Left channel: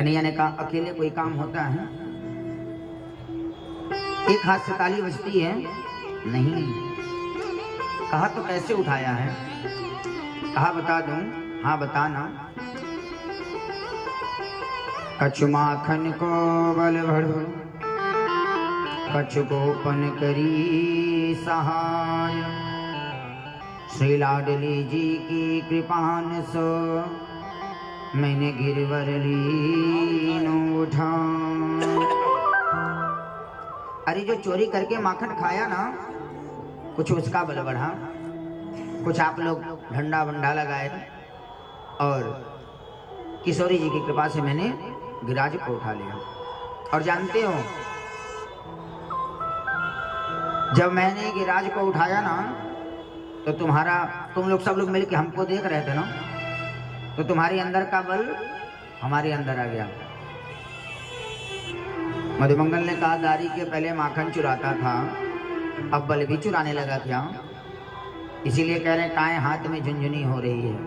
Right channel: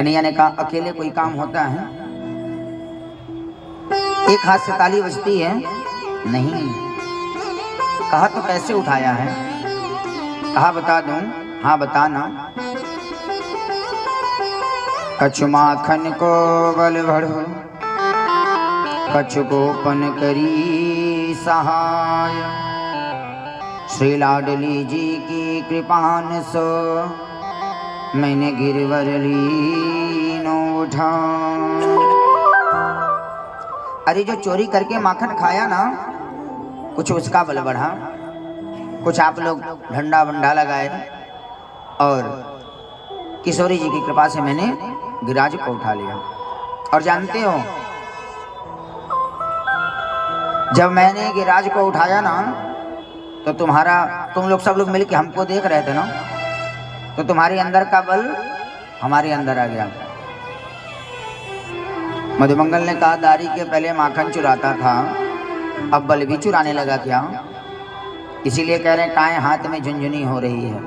कन्हैया ने कहा अकेले कोई काम होता है? एक हाथ से ताली बजती है? नहीं। कहा तो कैसे उठाया है? कहा बता दूं? हाँ बताना। कछु माखन को बल भरो, कछु गोपन करी सहाय, श्री लाडली जी की कृपान सो मैंने गिरवर लीनो उठा। अरे जो चोरी करके माखन खाया ना, कुछ उसका बल बढ़ा, कुछ आप लोग झंडा वंडा लगाए और किशोरी जी की कृपा से मैंने गिरिराज को उठा लिया। और जानते हो जब मैंने गिरिराज को उठाया ना तो तुम लोग सब लोग मिलके हमको देख रहे थे ना, तो तुम्हारे अंदर का बल हमारे अंदर आ गया। मधुमंगल ने कहा दारी के पहले माखन चुराता था, अब बल भी चुराने लगा क्या? इसीलिए कह रहे हैं काए हाथ में झुनझुनी हो रही है।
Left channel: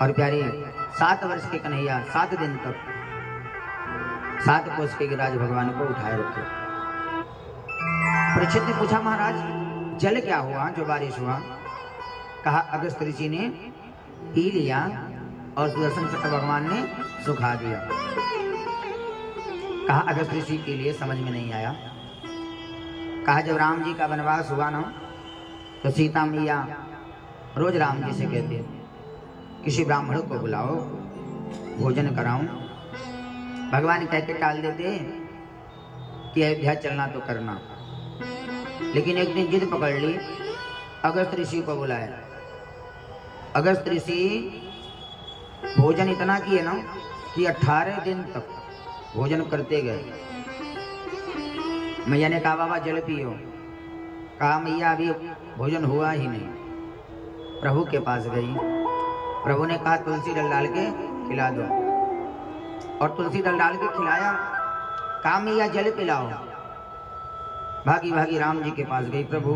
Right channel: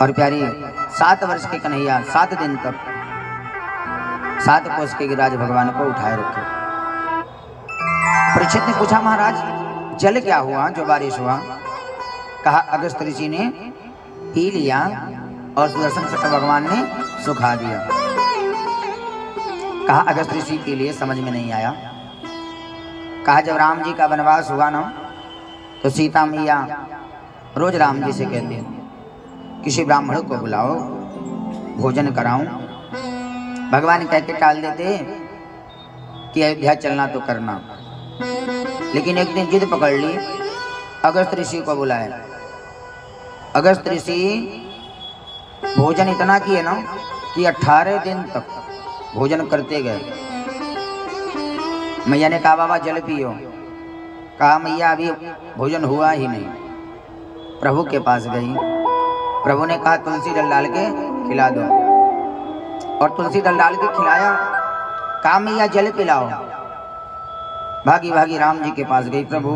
और प्यारी 7 वर्ष के कन्हैया 7 दिन तक 7 कोस के गिरिराज भगवान को उठाए रखे। परीक्षित ने पूछा महाराज जल क्या हुआ जो बारिश हुआ? कहा अगस्त ऋषि ने पी लिया और सुदर्शन चक्र भगवान ने सुखा दिया। कहा अगस्त ऋषि के लिए समझ में नहीं आया। कहा जब राम जी का वनवास हुआ ना तो सीता मैया रोज राम जी से कहते किसी ब्राह्मण को बुलाओ भोजन कराऊं। भगवान कहते टाल देते कि अयोध्या चलना तो करना, लेकिन एक दिन जिद पकड़ ली, अगस्त ऋषि को बुलाया। अगस्त ऋषि भोजन इतना किए ना कि 18 दिन तक भोजन करते गए। मैया ने कहा बाबा जल पियो। कहा मैया अभी भोजन हुआ ही नहीं। प्रभु के पास गई, प्रभु ने कहा तुलसी डल डाल के खिला दो, और तुलसी डल डाल के खिलाया। कहा मैया जल पिलाओ। भागी भागी राम जी के पास गई, प्रभु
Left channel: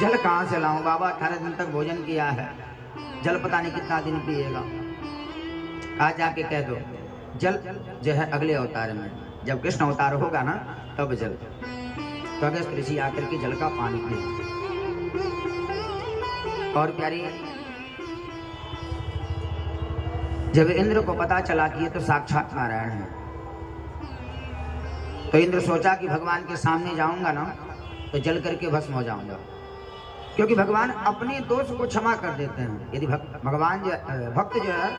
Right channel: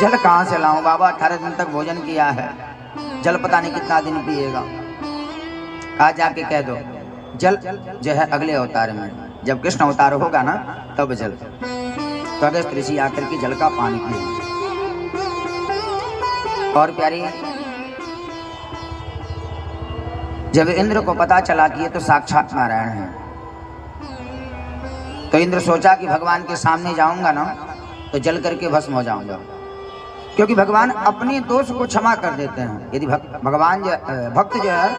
जल कहाँ से लाऊं? बाबा 18 दिन तक भोजन किया है, जल पता नहीं कितना दिन पिएगा। कहा जाके कह दो जल जो है अगले अवतार में, जब कृष्ण अवतार होगा ना तब जल। तो अगस्त ऋषि आकर के जल का पानी पिए। और प्यारी जब इंद्र को पता चला कि ये तो साक्षात नारायण है, तो इंद्र सोचा कि भगवान के सामने जाऊंगा ना तो जल करके भस्म हो जाऊंगा, क्योंकि भगवान अपने दोष को क्षमा कर देते हैं। यदि भगवान भक्त जो है